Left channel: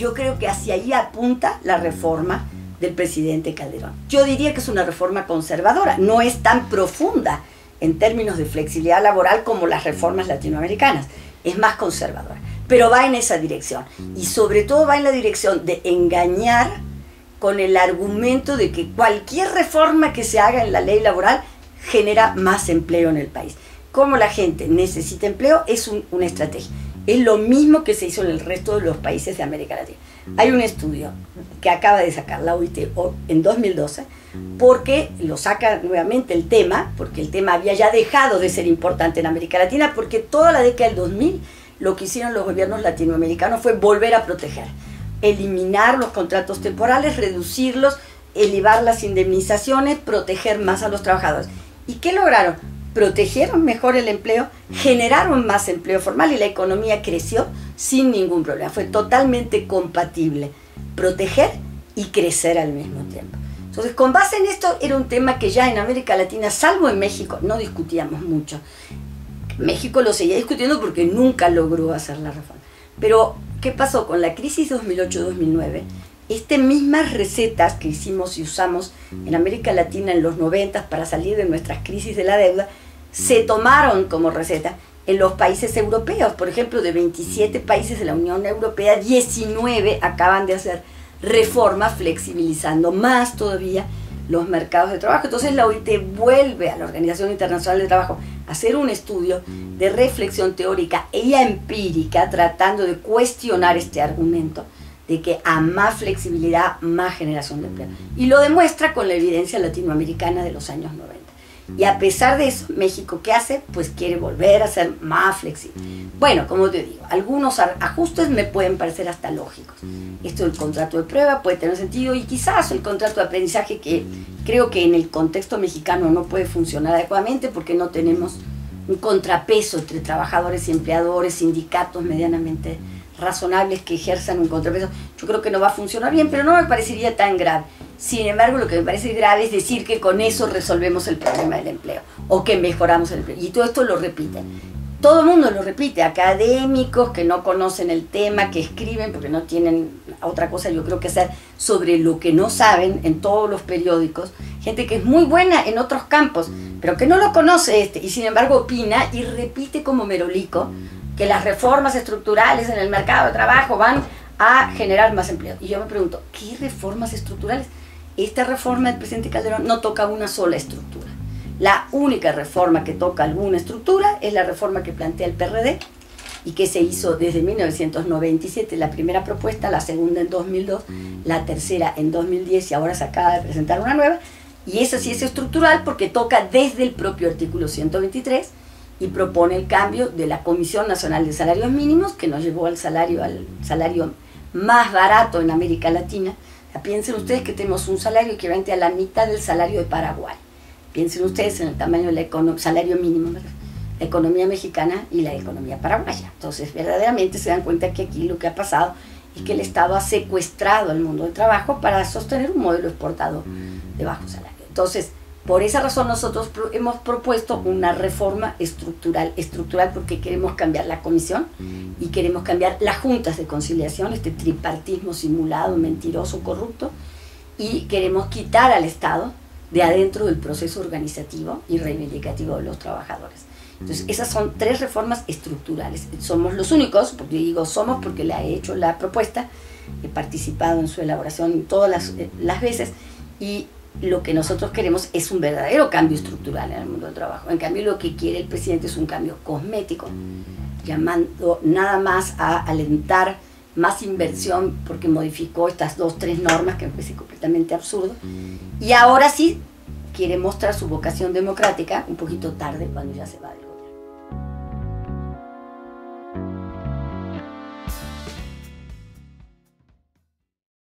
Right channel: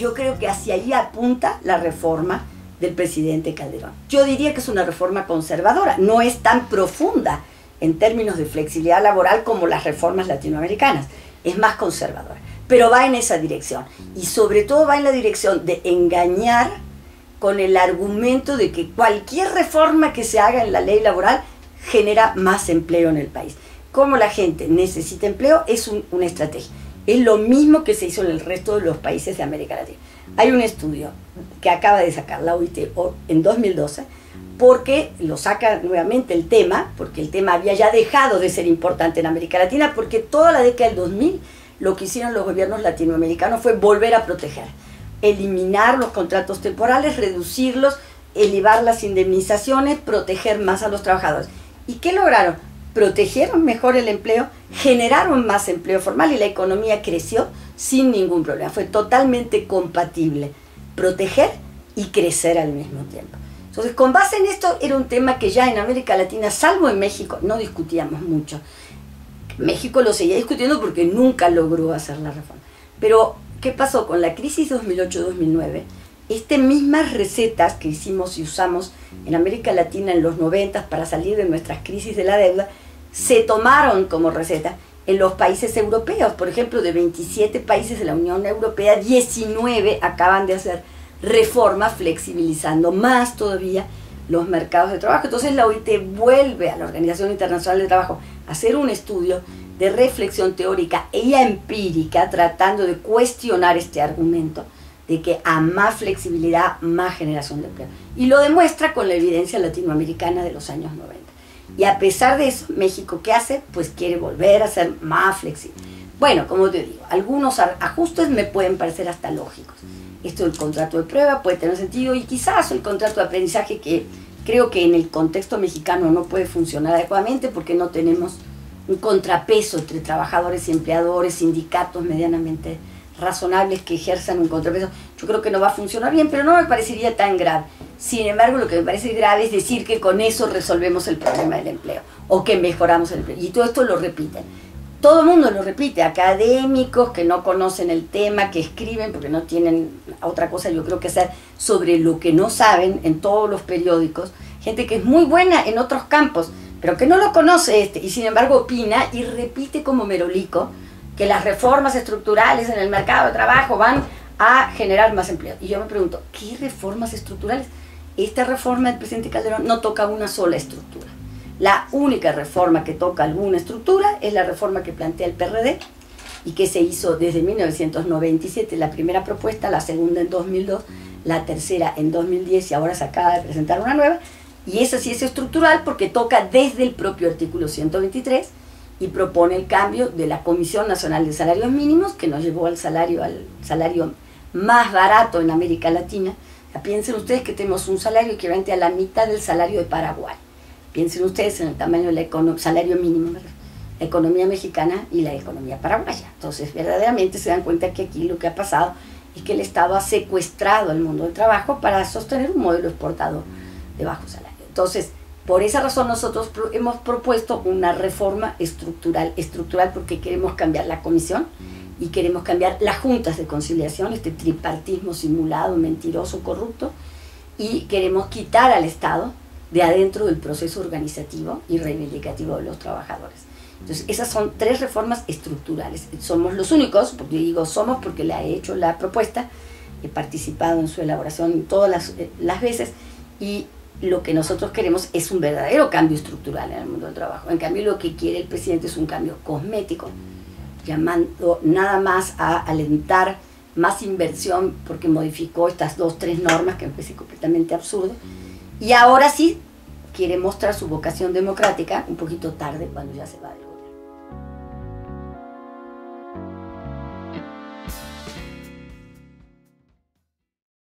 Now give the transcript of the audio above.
yo creo que hacia ahí apunta la reforma del presidente Calderón. Yo diría que es una reforma conservadora, no es tan profunda en términos de flexibilidad laboral como las reformas latinoamericanas, es más conservadora, pero va en esa dirección y sobre todo va en la dirección de engañar con el argumento de que cualquier reforma que se haga en la ley laboral genera más empleo en el país. Como la gente necesita empleo es una estrategia. Es lo mismo que se hizo en el resto de los países de América Latina. Hay un estudio que acaba de sacar la OIT en 2012, porque lo saca nuevamente el tema, porque el tema había ya dejado de ser importante en América Latina, porque toda la década del 2000 lo que hicieron los gobiernos latinoamericanos fue volver a proteger, eliminar los contratos temporales, reducirlos, elevar las indemnizaciones, proteger más a los trabajadores. ¿Y qué lograron? Protegieron mejor el empleo, generaron más empleo formal y la economía creció sin ningún problema. Fue totalmente compatible proteger y crecer al mismo tiempo. Entonces, con base en esto, era un tema que ya en América Latina, salvo en México, no discutíamos mucho. México lo seguía discutiendo porque nunca logró hacer la reforma. Pero, ¿qué pasó? Con la crisis 2008-2009, mismas recetas que hicimos y usamos en América Latina en los 90 para salir de nuestras crisis de la deuda, se tomaron como receta en los países europeos. Por ejemplo, de 27 países de la Unión Europea, 19 acaban de hacer reformas flexibilizando más todavía los mercados de trabajo. Entonces la OIT vuelve a la Organización Internacional de Trabajo a hacer un estudio de reflexión teórica y empírica tratando de cuestionar este argumento de que a más flexibilidad, más generación de empleo. Y lo demuestra con la evidencia latinoamericana de los años 90. Y a pesar de eso, México, ¿qué hace? Pues quiere volver a ser más flexible. Bueno, como te digo, algunos ajustes me pueden parecer hasta lógicos. Esto del contrato de prueba puede tener sentido y quizás el contrato de aprendizaje, que creo que en el contexto mexicano no puede funcionar adecuadamente porque no tenemos un contrapeso entre trabajadores y empleadores, sindicatos medianamente razonables que ejerzan un contrapeso. Yo creo que no va a funcionar bien, pero no me parecería tan grave. Sin embargo, lo que me parece grave es decir que con eso resolvemos el problema del empleo o que mejoramos el empleo. Y todo esto lo repiten. Todo el mundo lo repite, académicos que no conocen el tema, que escriben porque no tienen otra cosa, yo creo, que hacer sobre lo que no saben en todos los periódicos, gente que es muy buena en otros campos, pero que no lo conoce y sin embargo opina y repite como merolico que las reformas estructurales en el mercado de trabajo van a generar más empleo. Y yo me pregunto, ¿qué reformas estructurales? Esta reforma del presidente Calderón no toca una sola estructura. La única reforma que toca alguna estructura es la reforma que plantea el PRD y que se hizo desde 1997, la primera propuesta, la segunda en 2002, la tercera en 2010 y ahora se acaba de presentar una nueva. Y esa sí es estructural porque toca desde el propio artículo 123 y propone el cambio de la Comisión Nacional de Salarios Mínimos, que nos llevó al salario más barato en América Latina. O sea, piensen ustedes que tenemos un salario equivalente a la mitad del salario de Paraguay. Piensen ustedes en el tamaño del salario mínimo, la economía mexicana y la economía paraguaya. Entonces, verdaderamente se dan cuenta que aquí lo que ha pasado es que el Estado ha secuestrado el mundo del trabajo para sostener un modelo exportador de bajo salario. Entonces, por esa razón nosotros hemos propuesto una reforma estructural porque queremos cambiar la comisión y queremos cambiar las juntas de conciliación, este tripartismo simulado, mentiroso, corrupto, y queremos quitar al Estado de adentro del proceso organizativo y reivindicativo de los trabajadores. Entonces, esas son 3 reformas estructurales. Somos los únicos, porque digo somos porque le he hecho la propuesta, he participado en su elaboración todas las veces, y lo que nosotros queremos es un verdadero cambio estructural en el mundo del trabajo. En cambio, lo que quiere el presidente es un cambio cosmético, llamando nada más a alentar más inversión porque modificó estas 2-3 normas que me parece completamente absurdo. Y ahora sí quiere mostrar su vocación democrática un poquito tarde, cuando ya se va.